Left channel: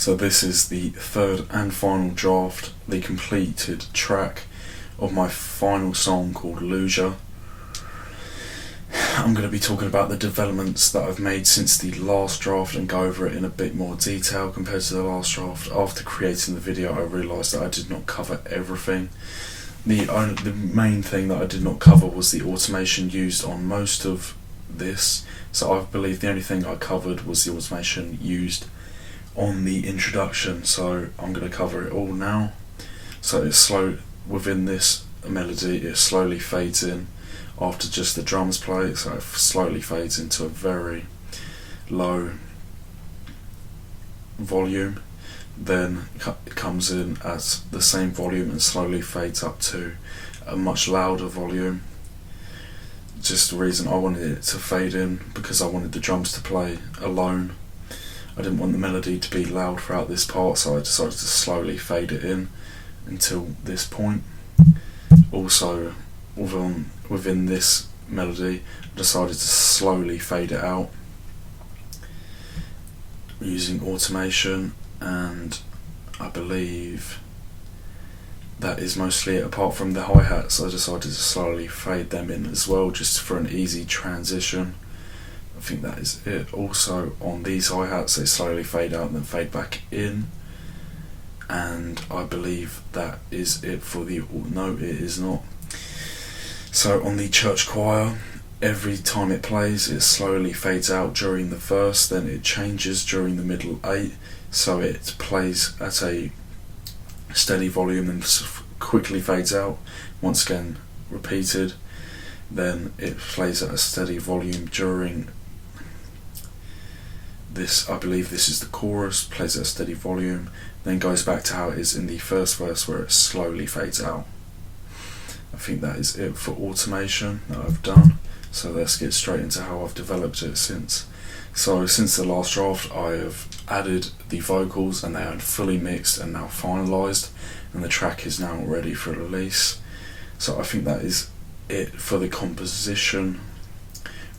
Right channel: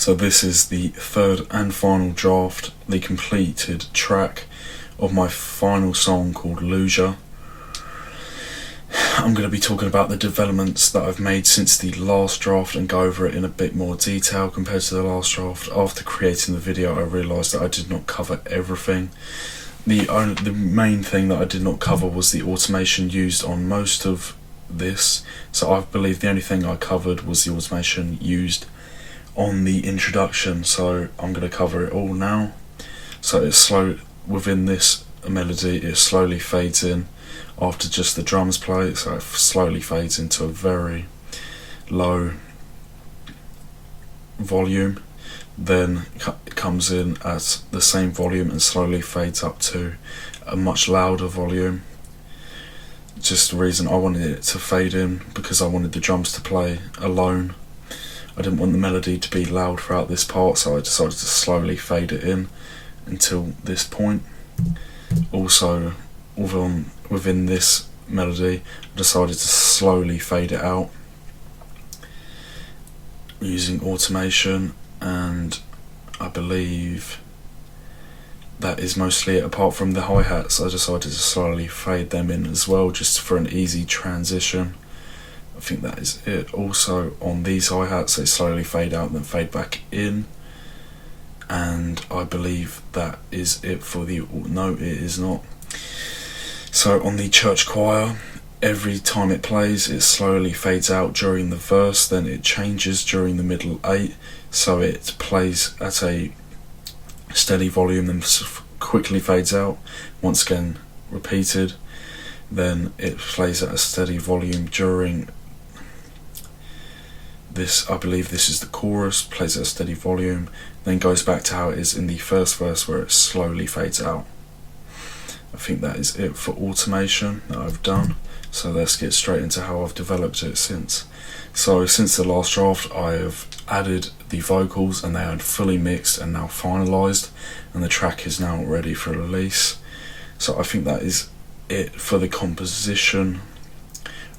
So this is the third and final draft, the completed track of my final song called Lugia. I'm going to be talking about the developments that I've made since the last draft and go over it in a bit more detail compared to the last draft. After creating the video, I realised that I did not cover everything. The main thing that I did not cover was the automation used on most of this. So I believe the only thing I covered was the automation used on the introduction, so I'm going to cover it all now. So it's slow within this melody, it slowly fades in after just the drums play, so it slowly fades into a very low volume, then it comes in at the same volume and slowly fades up to a much louder volume. Just the reason I wanted it to fade in because I wanted the drums to play alone. I didn't want the melody to be loud throughout this part, so I decided to slowly fade it in until this point. Also, within this melody, I decided to slowly fade it out using automation, and I believe that is mostly it. Apart from the hi-hats, I decided to slowly fade them in as well, just for an easy transition. I think that is it. Also on these hi-hats, they slowly fade out and then fade back in, and I believe that is it for the, no it is not. So on the church choir, every time it plays it slowly fades out during the verse, then it changes during the middle 8, so it plays at a steady volume and quickly fades out, once again repeated, then it plays at a steady volume during this, I believe this is the chorus, plays at a steady volume, then goes back to how it is in the first verse where it slowly fades out. I think that is it for automation that I've done, so let's get straight into how I've developed it since. So since the last draft I have added the vocals and they are fully mixed and now finalised, and the track is now ready for release. So I think that is it for the composition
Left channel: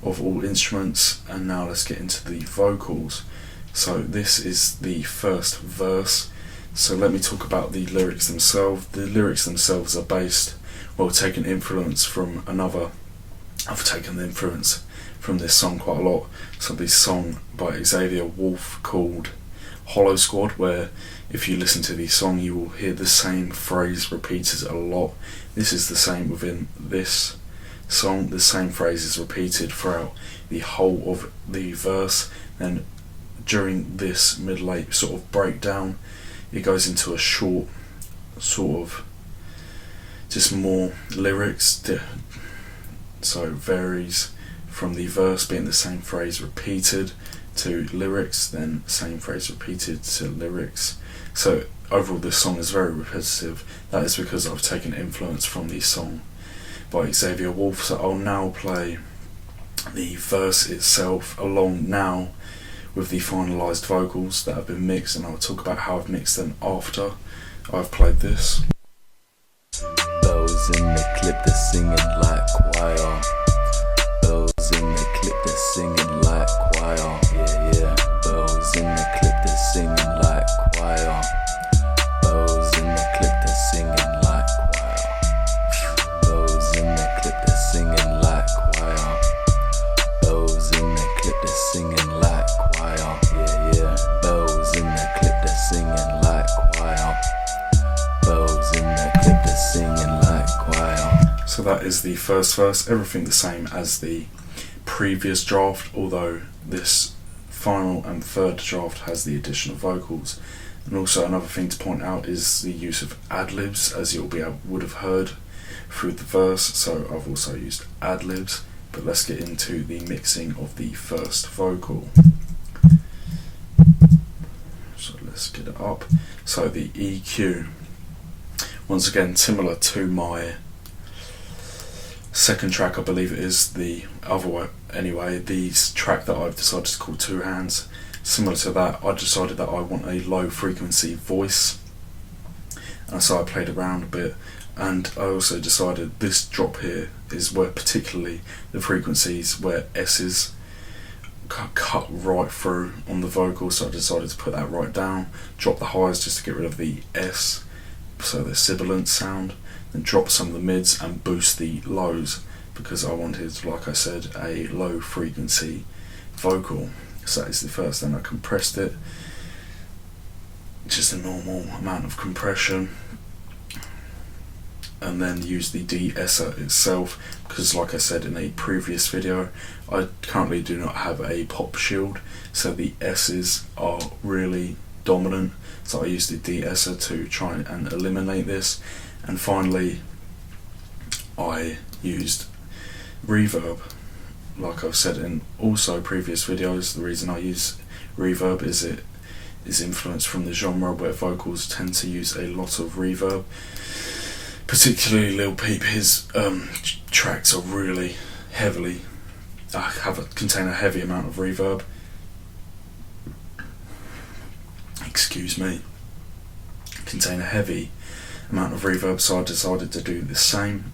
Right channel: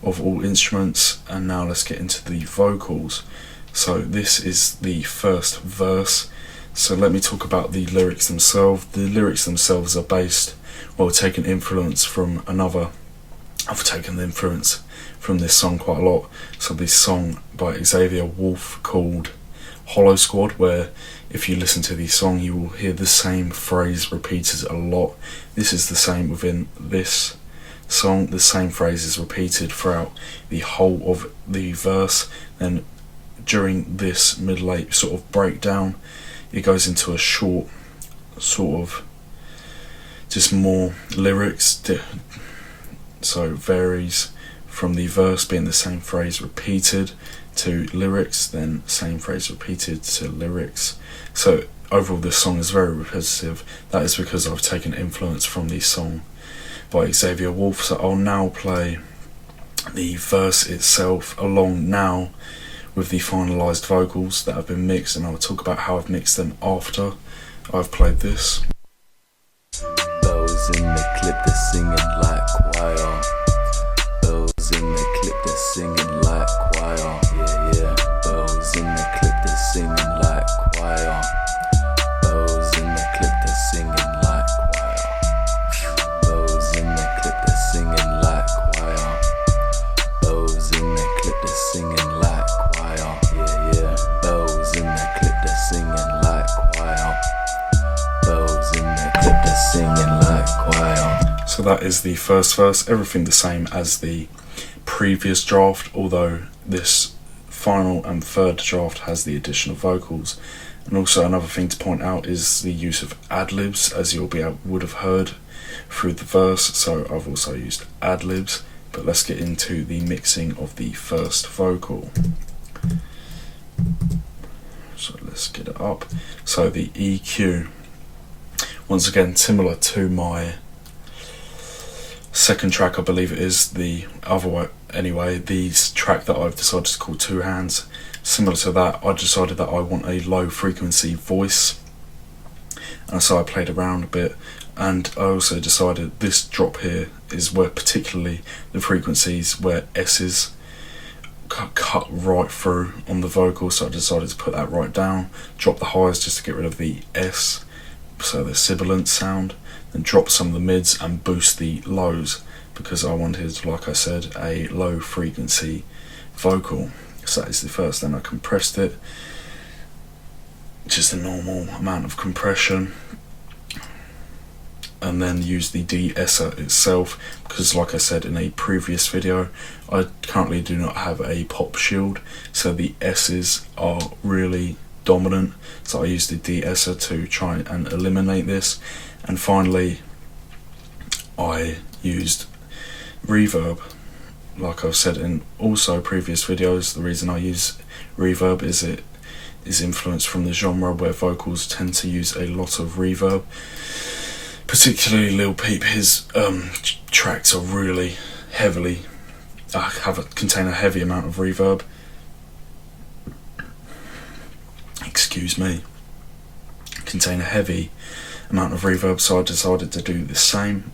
of all instruments, and now let's get into the vocals. So this is the first verse, so let me talk about the lyrics themselves. The lyrics themselves are based, well, taken influence from another, I've taken the influence from this song quite a lot. So this song by Xavier Wolf called Hollow Squad, where if you listen to the song you will hear the same phrase repeated a lot. This is the same within this song, the same phrase is repeated throughout the whole of the verse, and during this middle 8 sort of breakdown it goes into a short sort of just more lyrics, so it varies from the verse being the same phrase repeated to lyrics, then same phrase repeated to lyrics. So overall this song is very repetitive. That is because I've taken influence from the song by Xavier Wolf. So I'll now play the verse itself along now with the finalised vocals that have been mixed, and I'll talk about how I've mixed them after I've played this. Bells in the clip, they're singing like choir. Bells in the clip, they're singing like choir. Yeah, yeah. Bells in the clip, they're singing like choir. Bells in the clip, they're singing like choir. Bells in the clip, they're singing like choir. Bells in the clip, they're singing like choir. Yeah, yeah. Bells in the clip, they're singing like choir. Bells in the clip, they're singing like choir. So that is the first verse, everything the same as the previous draft, although this final and third draft has the addition of vocals. And also another thing to point out is the use of ad-libs, as you would have heard through the verse, so I've also used ad-libs. But let's get into the mixing of the first vocal. So let's get it up. So the EQ, once again similar to my second track, I believe it is, the other way anyway, the track that I've decided to call Two Hands, similar to that, I decided that I want a low frequency voice, and so I played around a bit, and I also decided this drop here is where particularly the frequencies where S's cut right through on the vocal, so I decided to put that right down, drop the highs just to get rid of the S, so the sibilant sound, then drop some of the mids and boost the lows, because I wanted, like I said, a low frequency vocal. So that is the first. Then I compressed it, just a normal amount of compression, and then use the de-esser itself, because like I said in a previous video, I currently do not have a pop shield, so the S's are really dominant, so I used the de-esser to try and eliminate this. And finally I used reverb. Like I've said in also previous videos, the reason I use reverb is it is influenced from the genre where vocals tend to use a lot of reverb. Particularly Lil Peep, his tracks are really heavily, contain a heavy amount of reverb. Excuse me. Contain a heavy amount of reverb, so I decided to do the same.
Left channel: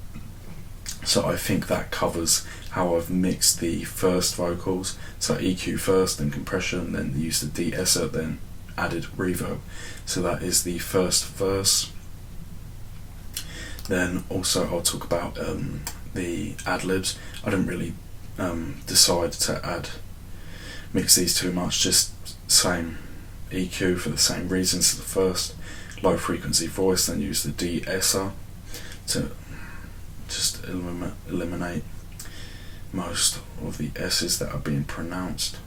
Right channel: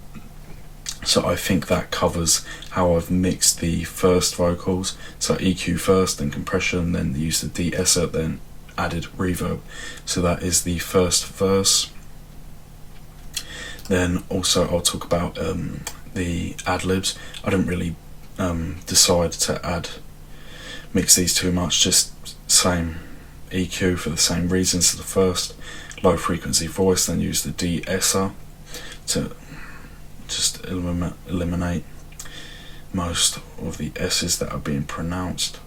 So I think that covers how I've mixed the first vocals. So EQ first, then compression, then used the de-esser, then added reverb. So that is the first verse. Then also I'll talk about the ad-libs. I didn't really decide to mix these too much, just same EQ for the same reasons as the first, low frequency voice, then use the de-esser to just eliminate most of the S's that are being pronounced.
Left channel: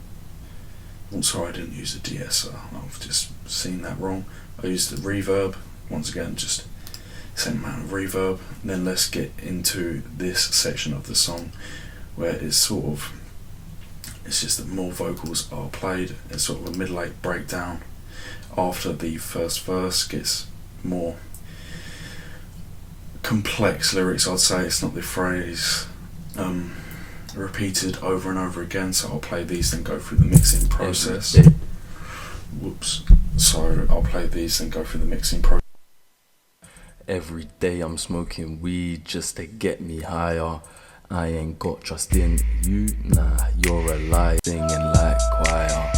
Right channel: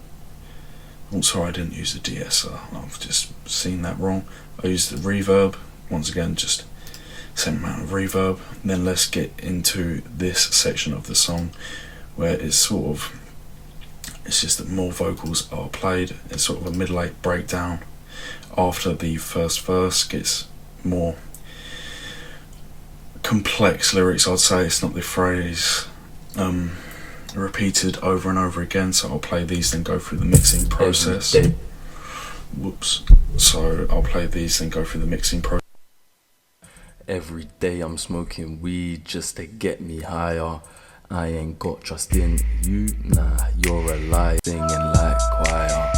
Also, I didn't use the de-esser, I've just seen that wrong. I used the reverb, once again just same amount of reverb. Then let's get into this section of the song where it's just that more vocals are played. It's sort of a middle-eight breakdown after the first verse. Gets more complex lyrics, I'd say. It's not the phrase repeated over and over again, so I'll play these then go through the mixing process. Whoops. So I'll play these then go through the mixing process. Every day I'm smoking weed just to get me higher. I ain't got trust in you, nah, you're a lie. Singing like choir.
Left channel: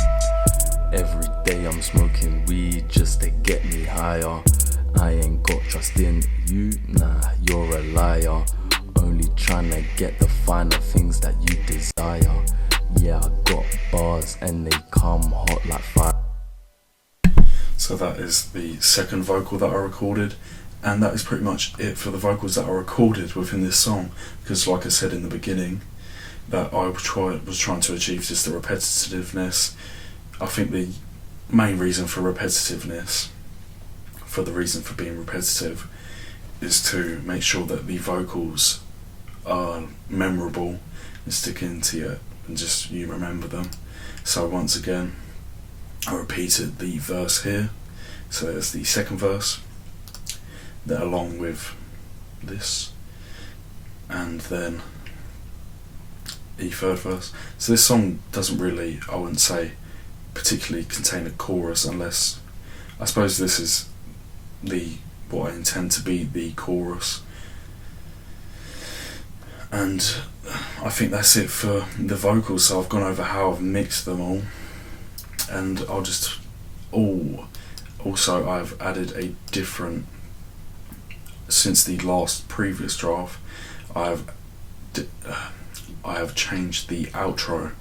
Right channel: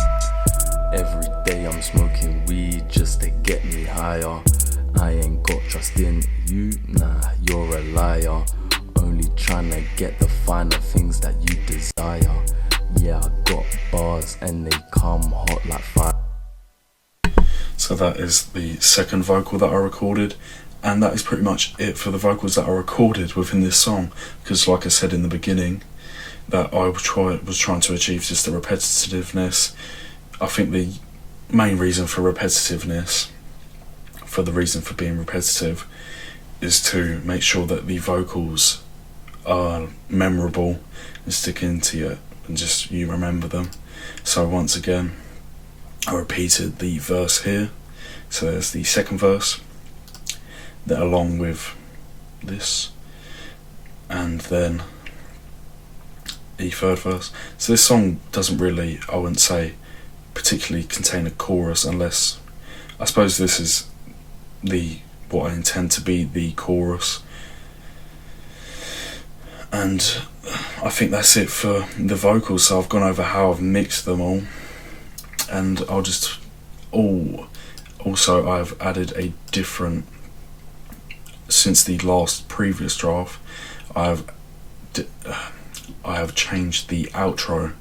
Every day I'm smoking weed just to get me higher. I ain't got trust in you, nah, you're a liar. Only trying to get the finer things that you desire. Yeah, I got bars and they come hot like fire. So that is the second vocal that I recorded, and that is pretty much it for the vocals that I recorded within this song, because like I said in the beginning, that I was trying to achieve just the repetitiveness. I think the main reason for repetitiveness, for the reason for being repetitive, is to make sure that the vocals are memorable and stick into you and just you remember them. So once again, I repeated the verse here. So there's the second verse, that along with this, and then the third verse. So this song doesn't really, I wouldn't say, particularly contain a chorus, unless, I suppose this is what I intend to be the chorus. And I think that's it for the vocals. So I've gone over how I've mixed them all, and I'll just also I've added a different, since the last previous draft, I have changed the outro,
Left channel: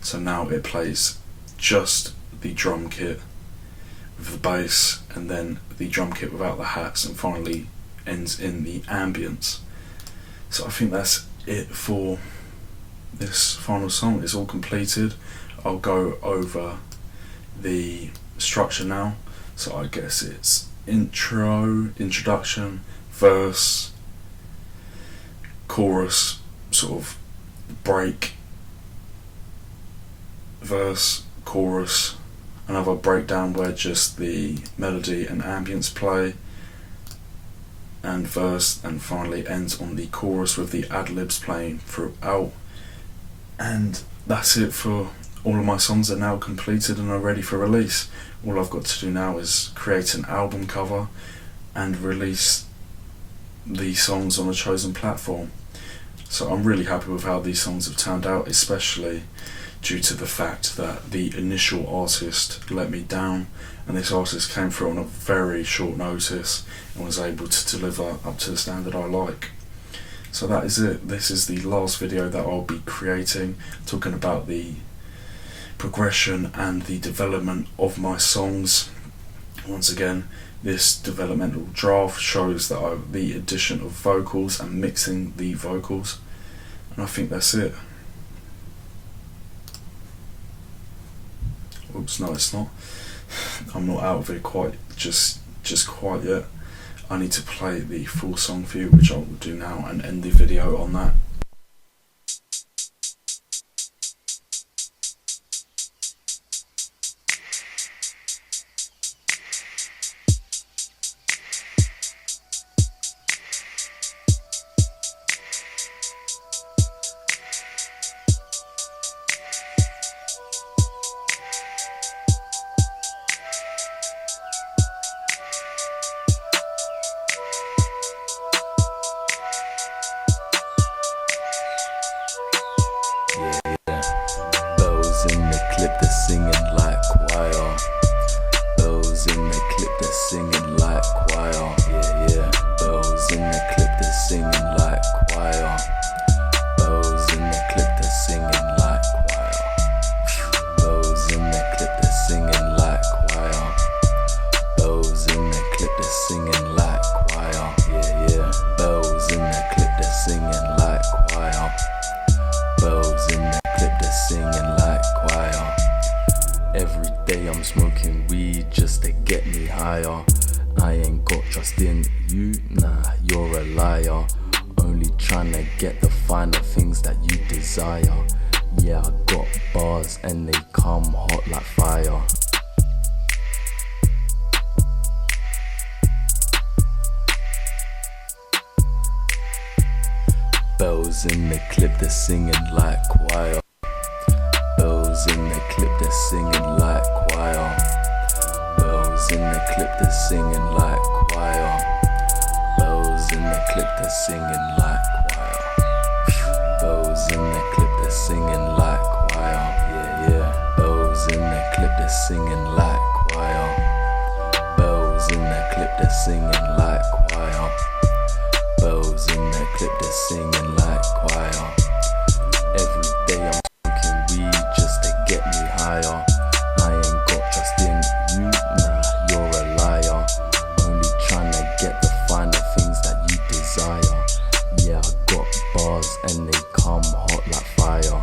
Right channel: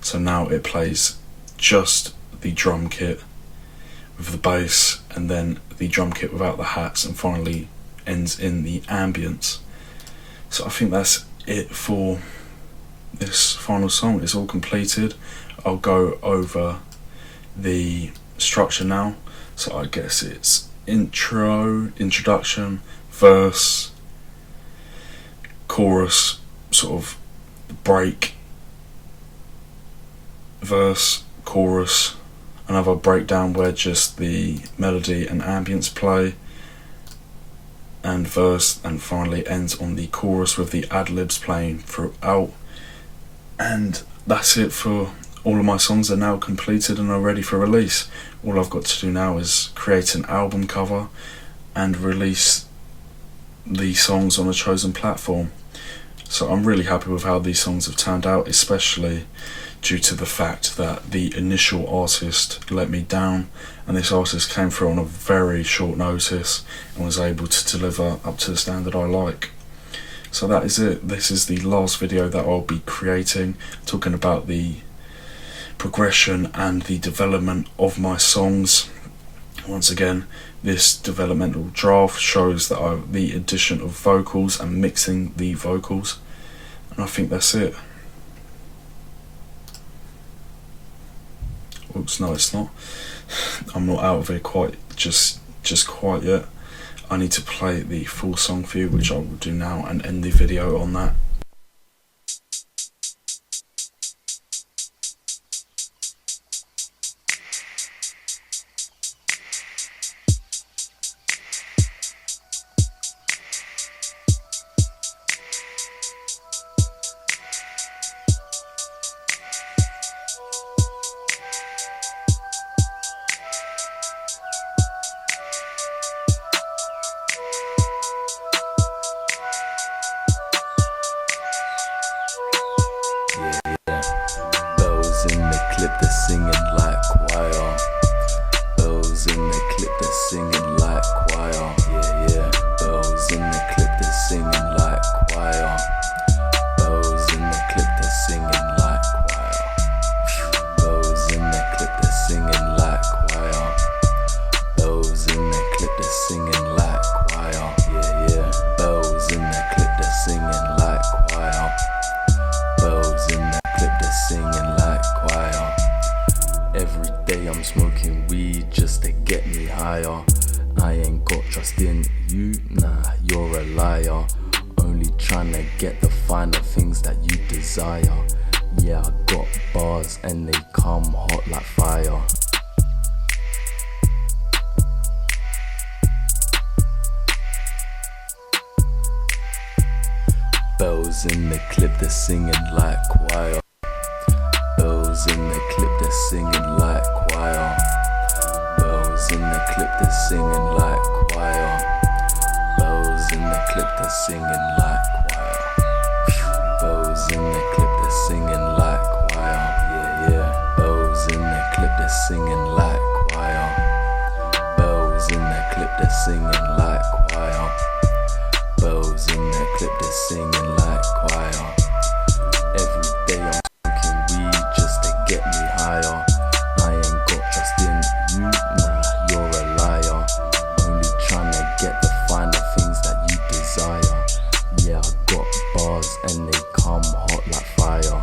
so now it plays just the drum kit with the bass, and then the drum kit without the hats, and finally ends in the ambience. So I think that's it for this final song. It's all completed. I'll go over the structure now. So I guess it's introduction, verse, chorus, sort of break, verse, chorus, another breakdown where just the melody and ambience play, and verse, and finally ends on the chorus with the ad-libs playing throughout. And that's it for all of my songs. Are now completed and are ready for release. All I've got to do now is create an album cover and release the songs on a chosen platform. So I'm really happy with how these songs have turned out, especially due to the fact that the initial artist let me down, and this artist came through on a very short notice and was able to deliver up to the standard I like. So that is it. This is the last video that I'll be creating, talking about the progression and the development of my songs. Once again, this developmental draft shows that the addition of vocals and mixing the vocals, and I think that's it. Oops, no it's not. I'm not out of it quite just quite yet. I need to play the full song for you, which I will do now, and end the video on that. Bells in the clip, they're singing like choir. Bells in the clip, they're singing like choir. Yeah, yeah. Bells in the clip, they're singing like choir. Bells in the clip, they're singing like choir. Bells in the clip, they're singing like choir. Bells in the clip, they're singing like choir. Yeah, yeah. Bells in the clip, they're singing like choir. Bells in the clip, they're singing like choir. Every day I'm smoking weed just to get me higher. I ain't got trust in you, nah, you're a liar. Only trying to get the finer things that you desire. Yeah, I got bars and they come hot like fire. Bells in the clip, they're singing like choir. Bells in the clip, they're singing like choir. Bells in the clip, they're singing like choir. Bells in the clip, they're singing like choir. Bells in the clip, they're singing like choir. Yeah, yeah. Bells in the clip, they're singing like choir. Bells in the clip, they're singing like choir. Bells in the clip, they're singing like choir. Every day I'm smoking weed just to get me higher. I ain't got trust in you, nah, you're a liar. Only trying to get the finer things that you desire. Yeah, I got bars and they come hot like fire.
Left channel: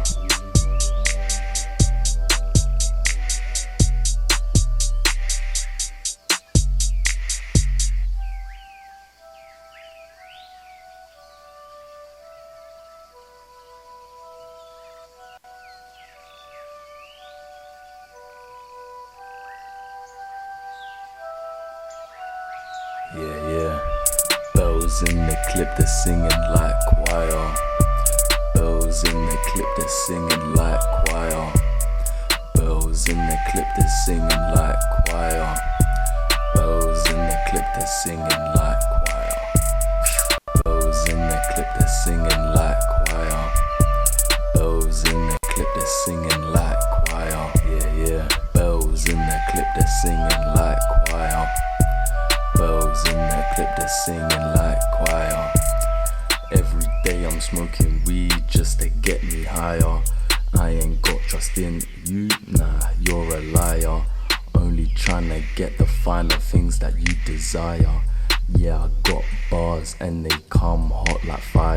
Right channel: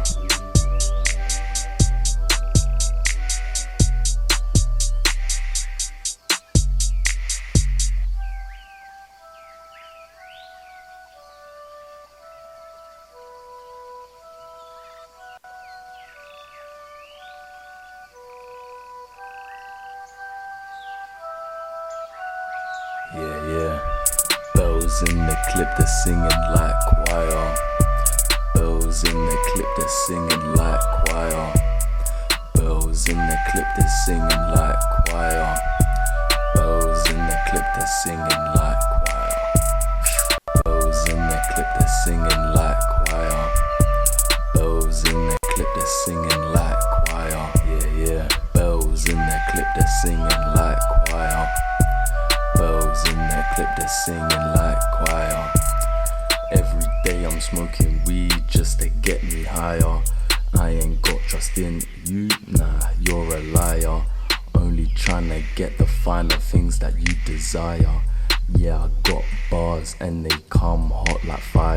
Yeah, yeah. Bells in the clip, they're singing like choir. Bells in the clip, they're singing like choir. Bells in the clip, they're singing like choir. Bells in the clip, they're singing like choir. Bells in the clip, they're singing like choir. Bells in the clip, they're singing like choir. Yeah, yeah. Bells in the clip, they're singing like choir. Bells in the clip, they're singing like choir. Every day I'm smoking weed just to get me higher. I ain't got trust in you, nah, you're a liar. Only trying to get the finer things that you desire. Yeah, I got bars and they come hot like fire.